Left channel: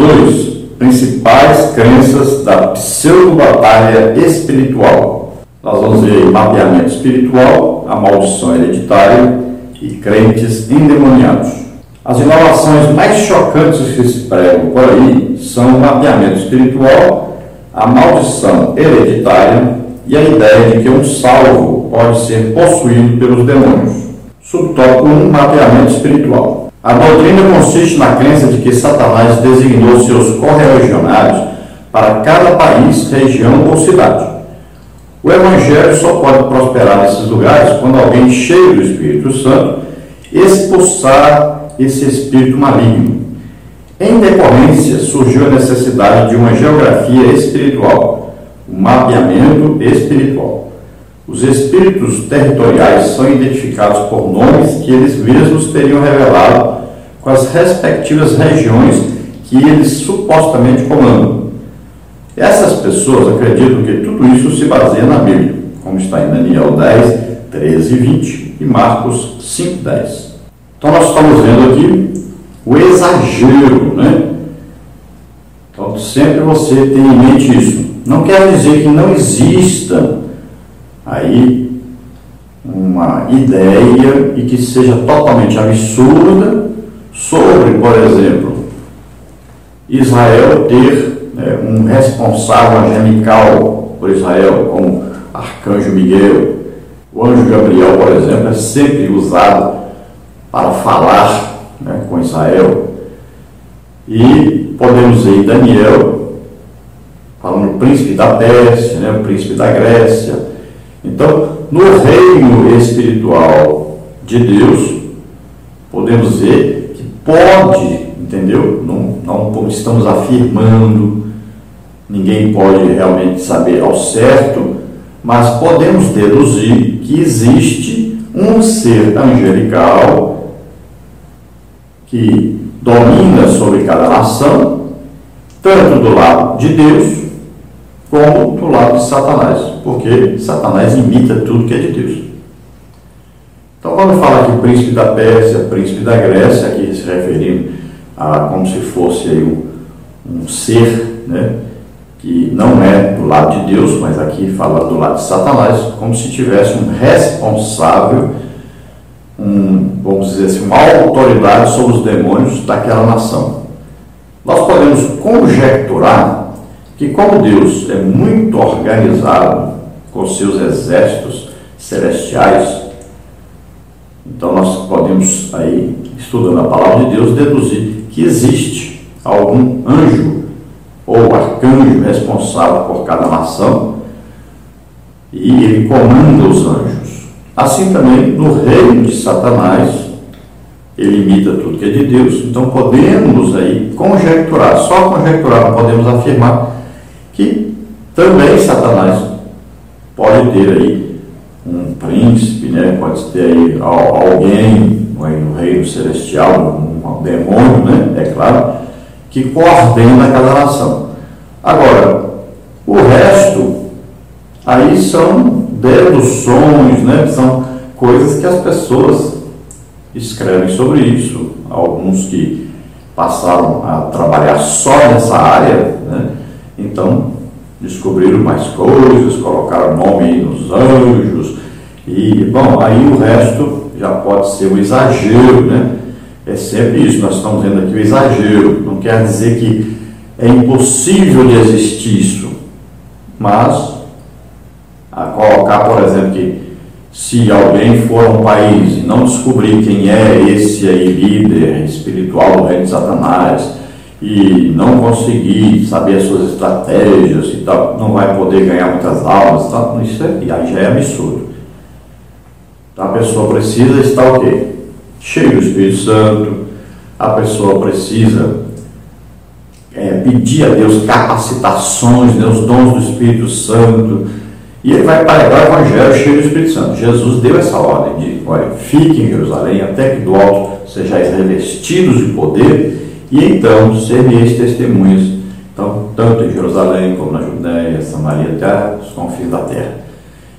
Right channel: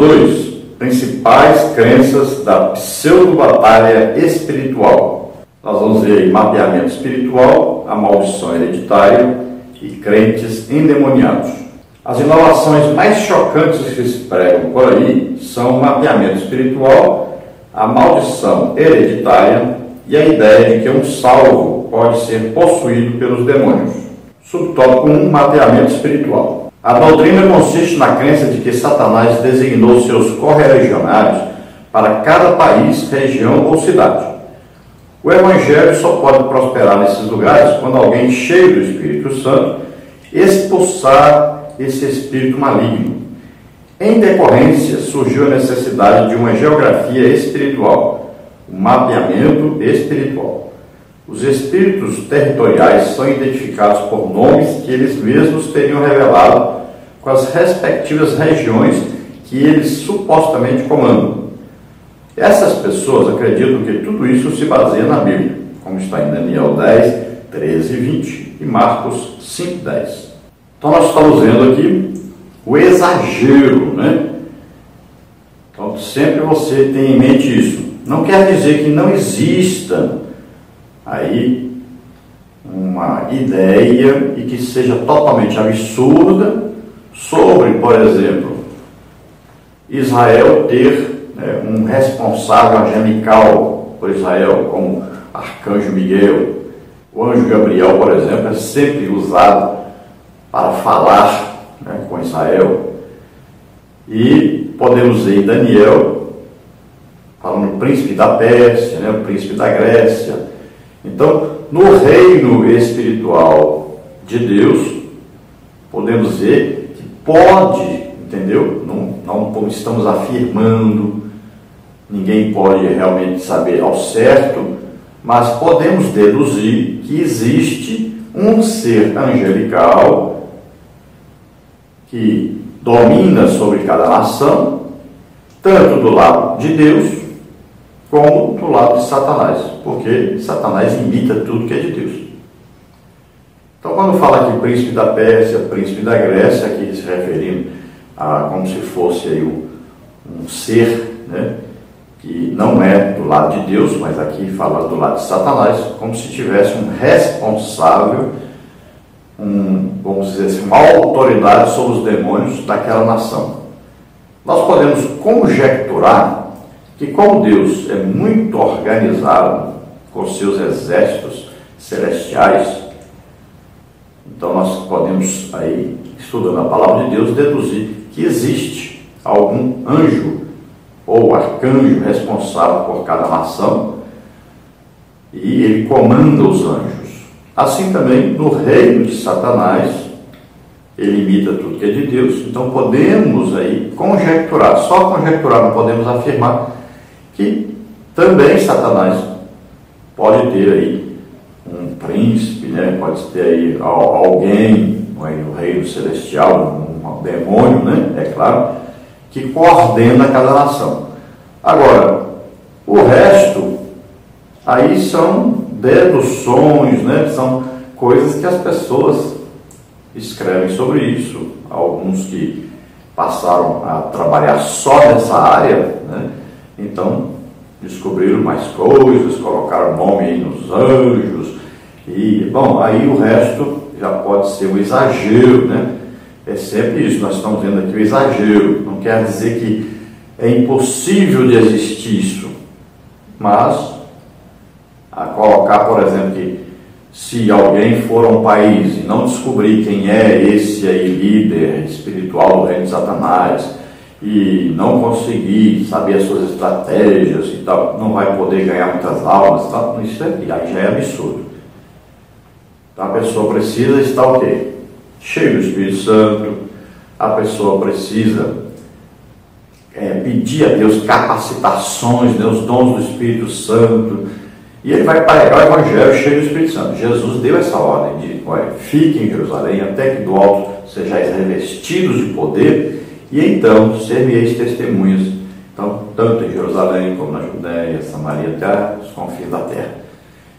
2, principais crenças da pseudo-batalha espiritual. Nós vamos ver aí mapeamento espiritual, a maldição hereditária e crentes endemoniados. As inovações mais chocantes que se pregam por aí são o mapeamento espiritual, a maldição hereditária e a ideia de que um salvo pode ser possuído pelos demônios. Subtópico 1, mapeamento espiritual. A doutrina consiste na crença de que Satanás designou seus correligionários para cada país, região ou cidade. O Evangelho só pode prosperar nesses lugares quando alguém cheio do Espírito Santo expulsar esse espírito maligno. Em decorrência, surgiu a necessidade de uma geografia espiritual, um mapeamento espiritual. Os espíritos territoriais são identificados por nomes que eles mesmos teriam revelado com as respectivas regiões que eles supostamente comandam. Essas pessoas acreditam que tudo isso se baseia na Bíblia, como está em Daniel 10, 13 e 20 e Marcos 5, 10. Então nós estamos vendo aqui o exagero, né? Então sempre você tem em mente isso. Não quer dizer que não exista aí uma ideia e que seja totalmente absurda sobre, por exemplo, Israel ter um responsável angelical por Israel, como Arcanjo Miguel. O anjo Gabriel, por exemplo, é sempre usado para falar com Israel. E podemos ver em Daniel falando do príncipe da Pérsia, o príncipe da Grécia. Então, no reino espiritual de Deus, podemos ver que pode, entendeu? Não estamos afirmando, ninguém pode realmente saber ao certo, mas podemos deduzir que existe um ser angelical que domina sobre cada nação, tanto do lado de Deus como do lado de Satanás, porque Satanás imita tudo que é de Deus. Então, quando fala aqui príncipe da Pérsia, príncipe da Grécia, aqui se referindo a como se fosse aí um ser, que não é do lado de Deus, mas aqui fala do lado de Satanás, como se tivesse um responsável, vamos dizer assim, uma autoridade sobre os demônios daquela nação. Nós podemos conjecturar que, como Deus é muito organizado com seus exércitos celestiais, então nós podemos aí, estudando a palavra de Deus, deduzir que existe algum anjo ou arcanjo responsável por cada nação e ele comanda os anjos. Assim também no reino de Satanás, ele imita tudo que é de Deus. Então podemos aí conjecturar, só conjecturar, não podemos afirmar que também Satanás pode ter aí um príncipe, pode ter aí alguém no reino celestial, um demônio, é claro, que coordena cada nação. Agora, o resto aí são deduções, são coisas que as pessoas escrevem sobre isso. Alguns que passaram a trabalhar só nessa área, então descobriram mais coisas, colocaram nome nos anjos, e, bom, aí o resto já pode ser um exagero, É sempre isso, nós estamos vendo aqui o exagero. Não quer dizer que é impossível de existir isso, mas a colocar, por exemplo, que se alguém for a um país e não descobrir quem é esse aí líder espiritual do reino de Satanás e não conseguir saber as suas estratégias e tal, não vai poder ganhar muitas almas, tal, isso aí já é absurdo. Então a pessoa precisa estar o quê? Cheio do Espírito Santo, a pessoa precisa pedir a Deus capacitações, os dons do Espírito Santo, e ele vai pregar o Evangelho cheio do Espírito Santo. Jesus deu essa ordem de, fiquem em Jerusalém, até que do alto sejais revestidos de poder, e então ser-me-eis testemunhas, então, tanto em Jerusalém como na Judéia, Samaria, até os confins da terra.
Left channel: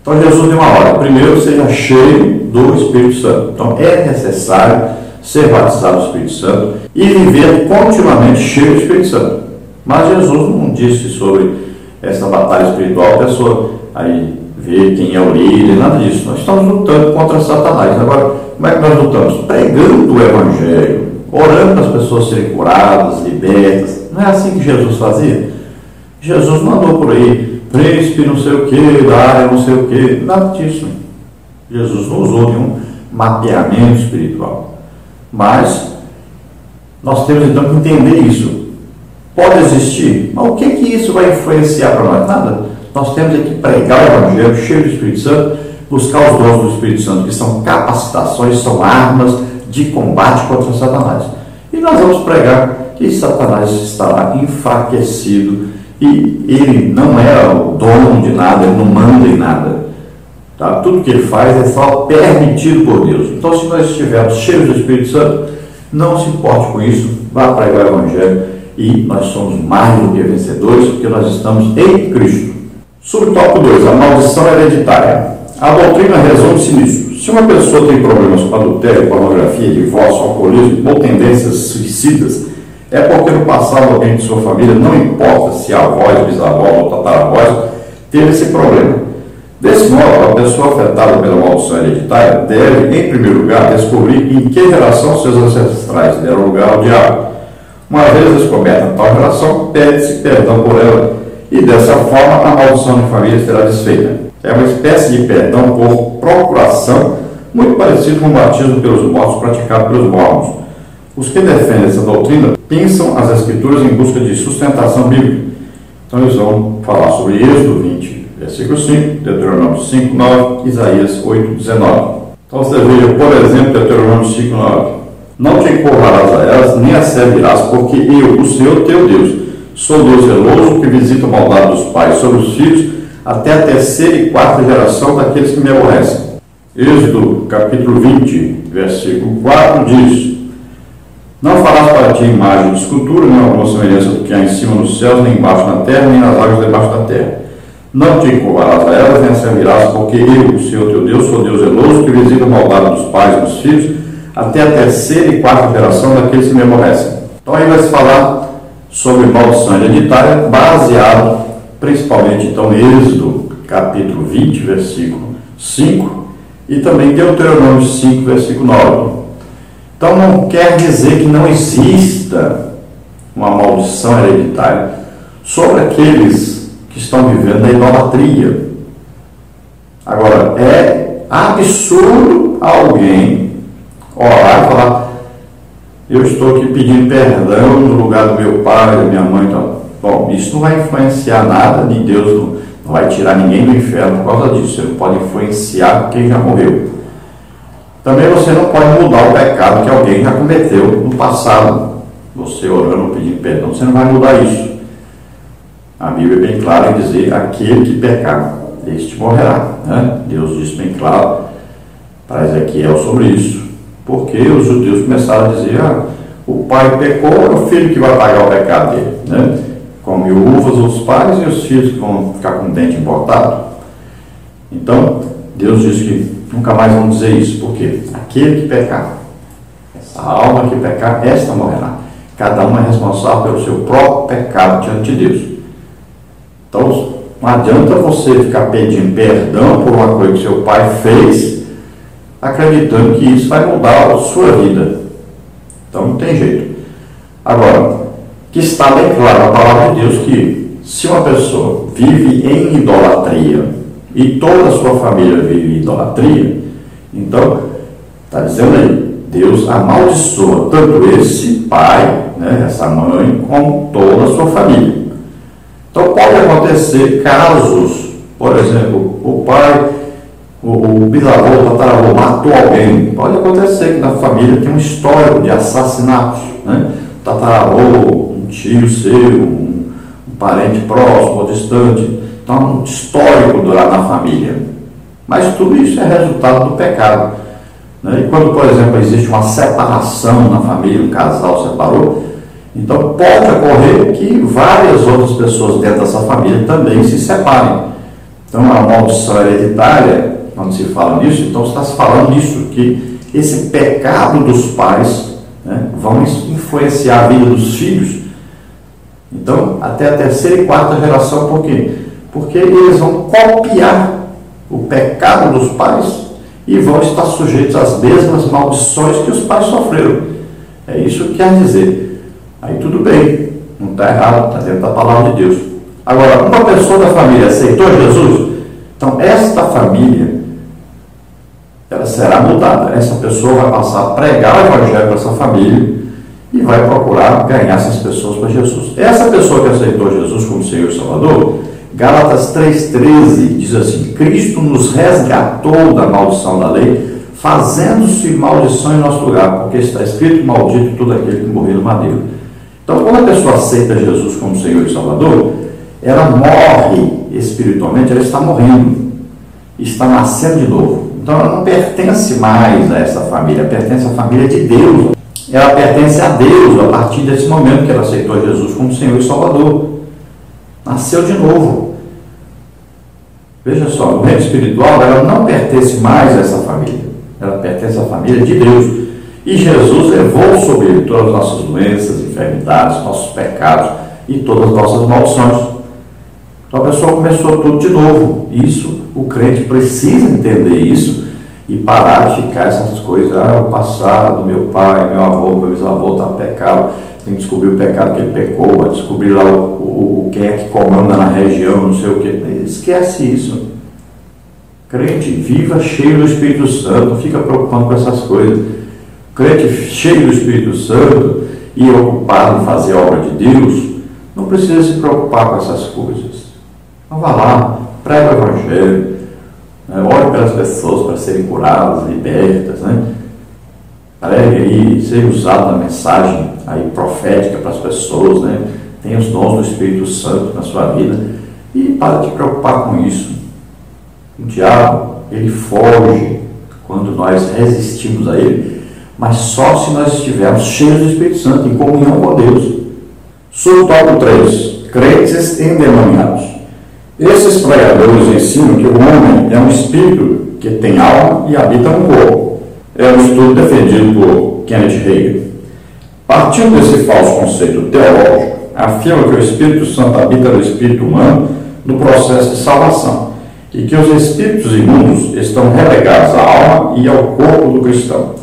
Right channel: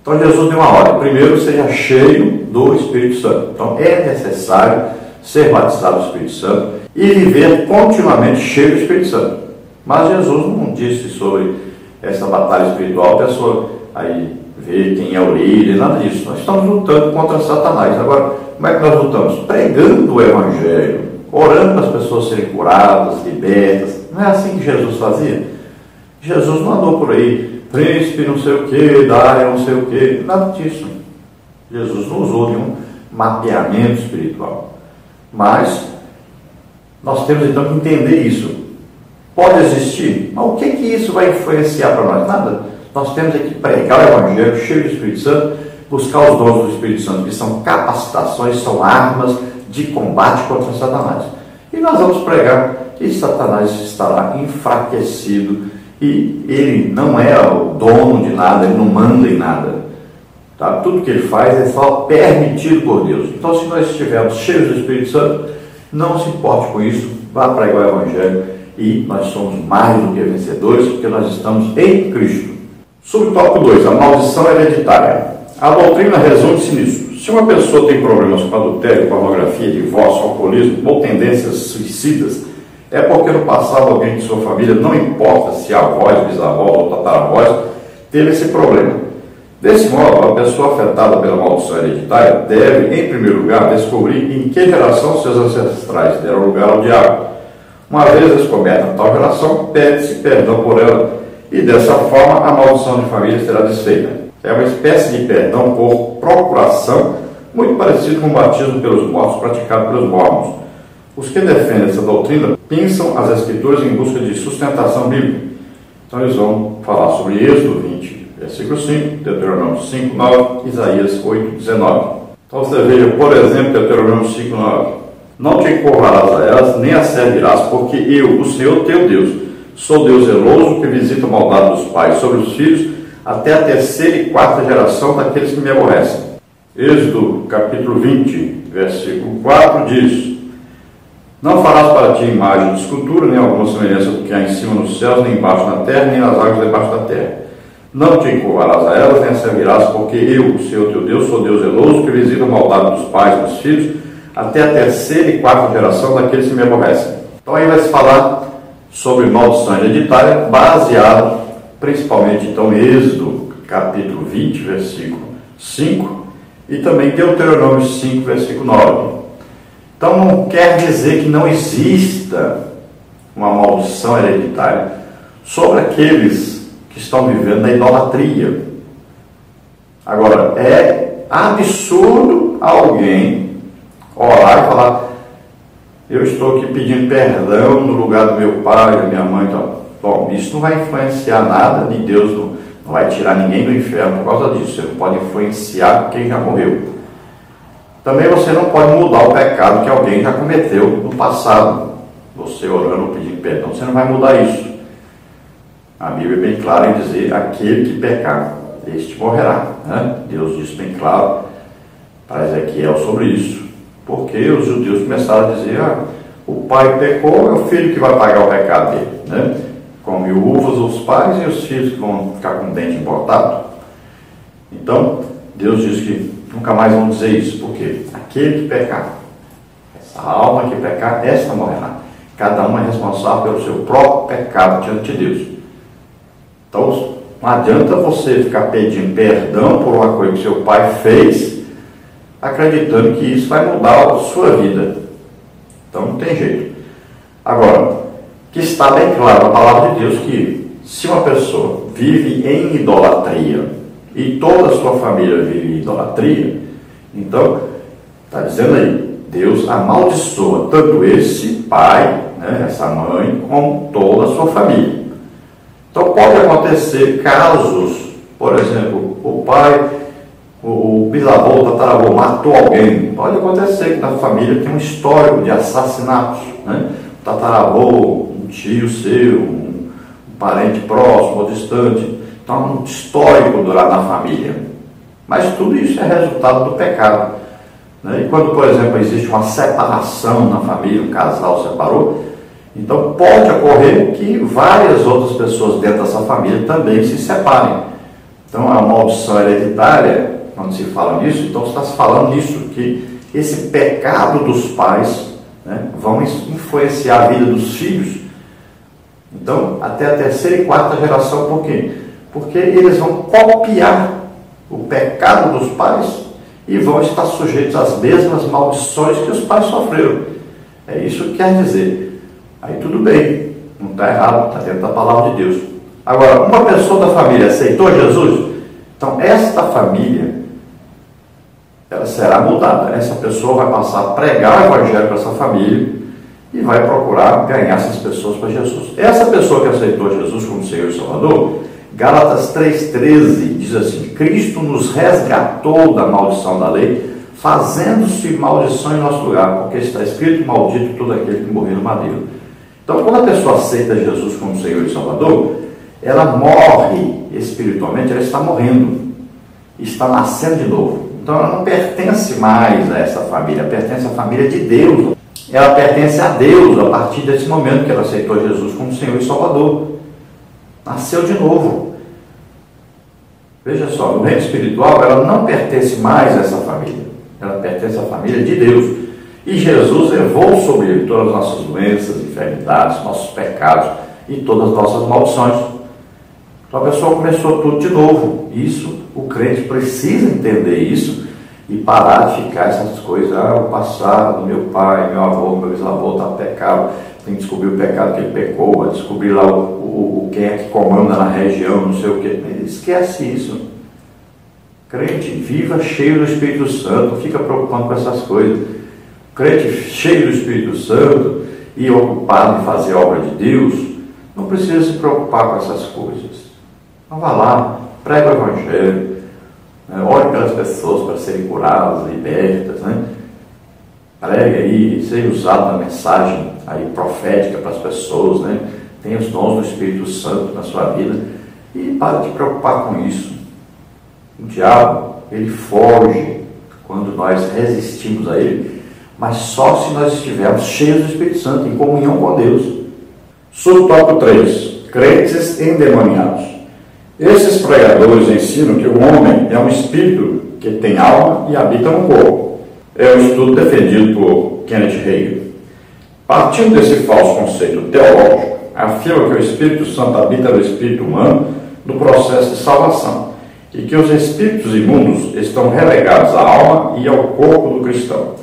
Então Jesus deu uma ordem: primeiro seja cheio do Espírito Santo. Então é necessário ser batizado do Espírito Santo e viver continuamente cheio do Espírito Santo. Mas Jesus não disse sobre essa batalha espiritual, a pessoa aí ver quem é o líder, nada disso. Nós estamos lutando contra Satanás. Agora, como é que nós lutamos? Pregando o Evangelho, orando para as pessoas serem curadas, libertas. Não é assim que Jesus fazia? Jesus não andou por aí, príncipe não sei o que, da área não sei o que, nada disso. Jesus não usou nenhum mapeamento espiritual. Mas nós temos então que entender isso. Pode existir, mas o que isso vai influenciar para nós? Nada. Nós temos que pregar o Evangelho cheio do Espírito Santo, buscar os dons do Espírito Santo, que são capacitações, são armas de combate contra Satanás. E nós vamos pregar que Satanás estará enfraquecido e ele não é o dono de nada, ele não manda em nada. Tá? Tudo que ele faz é só permitido por Deus. Então, se nós estivermos cheios do Espírito Santo, não se importe com isso, vá pregar o Evangelho e nós somos mais do que vencedores, porque nós estamos em Cristo. Subtópico 2, a maldição hereditária. A doutrina resume-se nisso. Se uma pessoa tem problemas com adultério, pornografia, divórcio, alcoolismo ou tendências suicidas, é porque no passado alguém de sua família, não importa se avós, bisavós ou tataravós, teve esse problema. Desse modo, a pessoa afetada pela maldição hereditária deve, em primeiro lugar, descobrir em que geração seus ancestrais deram lugar ao diabo. Uma vez descoberta tal geração, pede-se perdão por ela e, dessa forma, a maldição de família será desfeita. É uma espécie de perdão por procuração, muito parecido com o batismo pelos mortos praticado pelos mormons. Os que defendem essa doutrina pensam as Escrituras em busca de sustentação bíblica. Então eles vão falar sobre Êxodo 20, versículo 5, Deuteronômio 5, 9, Isaías 8, 19. Então você veja, por exemplo, Deuteronômio 5, 9. Não te encurralarás a elas, nem as servirás, porque eu, o Senhor teu Deus, sou Deus zeloso, que visita a maldade dos pais sobre os filhos, até a terceira e quarta geração daqueles que me aborrecem. Êxodo, capítulo 20, versículo 4, diz: não farás para ti imagem de escultura, nem alguma semelhança do que há em cima nos céus, nem embaixo na terra, nem nas águas debaixo da terra. Não te encurvalarás a elas, nem as servirás, porque eu, o Senhor teu Deus, sou Deus zeloso, que visita a maldade dos pais e dos filhos, até a terceira e quarta geração daqueles que me aborrecem. Então aí vai se falar sobre maldição hereditária, baseado principalmente então em Êxodo, capítulo 20, versículo 5, e também Deuteronômio 5, versículo 9. Então não quer dizer que não exista uma maldição hereditária sobre aqueles que estão vivendo a idolatria. Agora, é absurdo alguém orar e falar: eu estou aqui pedindo perdão no lugar do meu pai, da minha mãe. Então, bom, isso não vai influenciar nada, de Deus não vai tirar ninguém do inferno por causa disso. Você não pode influenciar quem já morreu. Também você não pode mudar o pecado que alguém já cometeu no passado. Você orando, pedindo perdão, você não vai mudar isso. A Bíblia é bem clara em dizer: aquele que pecar, este morrerá. Né? Deus disse bem claro para Ezequiel sobre isso. Porque os judeus começaram a dizer: o pai pecou, é o filho que vai pagar o pecado dele. Né? Come uvas os pais e os filhos que vão ficar com o dente importado. Então, Deus diz que nunca mais vão dizer isso, porque aquele que pecar, essa alma que pecar, esta morrerá. Cada um é responsável pelo seu próprio pecado diante de Deus. Então, não adianta você ficar pedindo perdão por uma coisa que seu pai fez, acreditando que isso vai mudar a sua vida. Então, não tem jeito. Agora, que está bem claro na palavra de Deus que se uma pessoa vive em idolatria e toda a sua família vive em idolatria, então, está dizendo aí, Deus amaldiçoa tanto esse pai, né, essa mãe, como toda a sua família. Então, pode acontecer casos, por exemplo, o pai, o bisavô, o tataravô matou alguém. Pode acontecer que na família tem um histórico de assassinatos, né? O tataravô, um tio seu, um parente próximo ou distante. Então, um histórico lá na família. Mas tudo isso é resultado do pecado. Né? E quando, por exemplo, existe uma separação na família, um casal separou, então pode ocorrer que várias outras pessoas dentro dessa família também se separem. Então, a maldição hereditária, quando se fala nisso, então está se falando nisso, que esse pecado dos pais, né, vão influenciar a vida dos filhos. Então, até a terceira e quarta geração, por quê? Porque eles vão copiar o pecado dos pais e vão estar sujeitos às mesmas maldições que os pais sofreram. É isso que quer dizer. Aí tudo bem, não está errado, está dentro da palavra de Deus. Agora, uma pessoa da família aceitou Jesus, então esta família, ela será mudada. Essa pessoa vai passar a pregar o evangelho para essa família e vai procurar ganhar essas pessoas para Jesus. Essa pessoa que aceitou Jesus como Senhor e Salvador, Gálatas 3,13 diz assim: Cristo nos resgatou da maldição da lei, fazendo-se maldição em nosso lugar, porque está escrito: maldito todo aquele que morreu no madeiro. Então, quando a pessoa aceita Jesus como Senhor e Salvador, ela morre espiritualmente, ela está morrendo, está nascendo de novo. Então, ela não pertence mais a essa família, pertence à família de Deus. Ela pertence a Deus a partir desse momento que ela aceitou Jesus como Senhor e Salvador. Nasceu de novo. Veja só, no reino espiritual, ela não pertence mais a essa família. Ela pertence à família de Deus. E Jesus levou sobre ele todas as nossas doenças, enfermidades, nossos pecados e todas as nossas maldições. Então a pessoa começou tudo de novo. Isso, o crente precisa entender isso e parar de ficar essas coisas. O passado, meu pai, meu avô, meu bisavô está pecado. Tem que descobrir o pecado que ele pecou, vai descobrir lá quem é que comanda na região, não sei o que. Esquece isso. Crente viva cheio do Espírito Santo, não fica preocupado com essas coisas. Crente cheio do Espírito Santo e ocupado em fazer a obra de Deus, não precisa se preocupar com essas coisas. Então vá lá, prega o Evangelho, né? Ore pelas pessoas para serem curadas, libertas, né? Pregue aí, seja usado na mensagem aí profética para as pessoas, né? Tenha os dons do Espírito Santo na sua vida e para de preocupar com isso. O diabo, ele foge quando nós resistimos a ele, mas só se nós estivermos cheios do Espírito Santo, em comunhão com Deus. Subtópico 3. Crentes endemoniados. Esses pregadores ensinam que o homem é um espírito que tem alma e habita no corpo. É um estudo defendido por Kenneth Hagin. Partindo desse falso conceito teológico, afirma que o Espírito Santo habita no espírito humano no processo de salvação e que os espíritos imundos estão relegados à alma e ao corpo do cristão.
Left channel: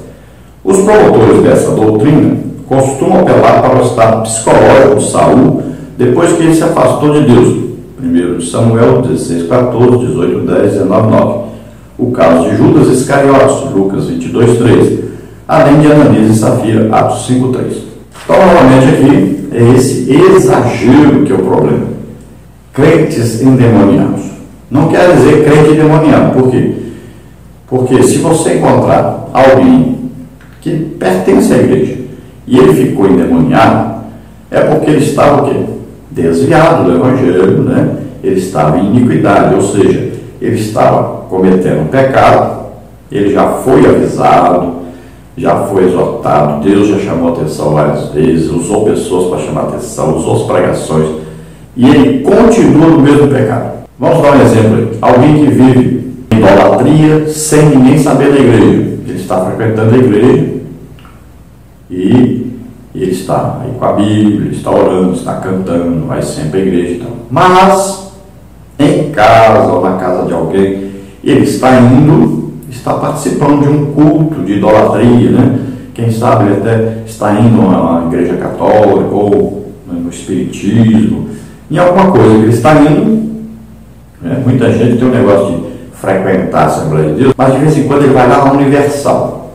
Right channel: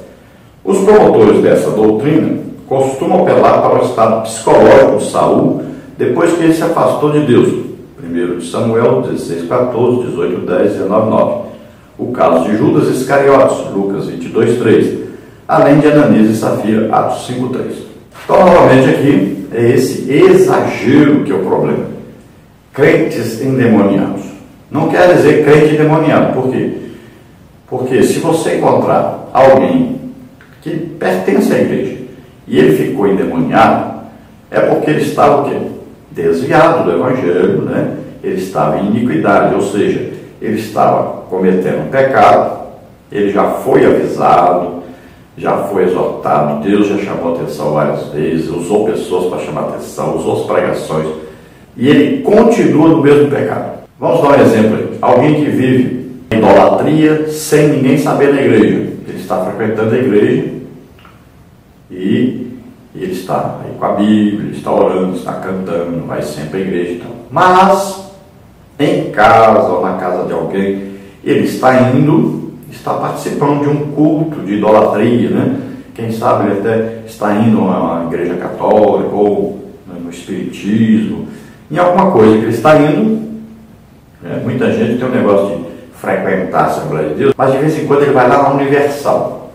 Os promotores dessa doutrina costumam apelar para o estado psicológico de Saul depois que ele se afastou de Deus. 1 Samuel 16,14, 18,10, 19,9. O caso de Judas Iscariotes, Lucas 22,13. Além de Ananias e Safira, Atos 5,3. Então, novamente aqui, é esse exagero que é o problema. Crentes endemoniados. Não quer dizer crente endemoniado. Por quê? Porque se você encontrar alguém que pertence à igreja e ele ficou endemoniado, é porque ele estava o quê? Desviado do Evangelho, né? Ele estava em iniquidade, ou seja, ele estava cometendo um pecado, ele já foi avisado, já foi exortado, Deus já chamou a atenção várias vezes, usou pessoas para chamar a atenção, usou as pregações, e ele continua no mesmo pecado. Vamos dar um exemplo aí. Alguém que vive em idolatria sem ninguém saber da igreja. Ele está frequentando a igreja e ele está aí com a Bíblia, está orando, está cantando, vai sempre à igreja e tal. Mas, em casa ou na casa de alguém, ele está indo, está participando de um culto de idolatria, né? Quem sabe ele até está indo a uma igreja católica ou no espiritismo, em alguma coisa que ele está indo. Né? Muita gente tem um negócio de frequentar a Assembleia de Deus, mas de vez em quando ele vai lá na Universal.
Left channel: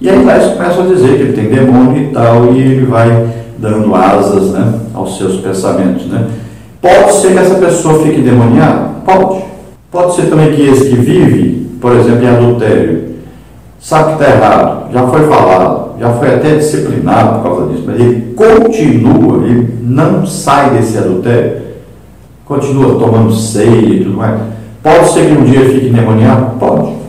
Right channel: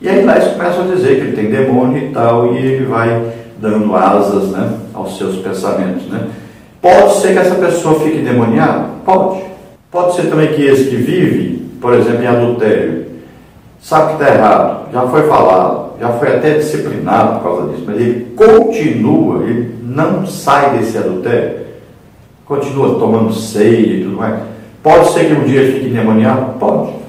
E aí lá eles começam a dizer que ele tem demônio e tal, e ele vai dando asas, né, aos seus pensamentos, né? Pode ser que essa pessoa fique endemoniada? Pode. Pode ser também que esse que vive, por exemplo, em adultério, sabe que está errado, já foi falado, já foi até disciplinado por causa disso, mas ele continua, ele não sai desse adultério, continua tomando ceia e tudo mais. Pode ser que um dia fique endemoniado? Pode.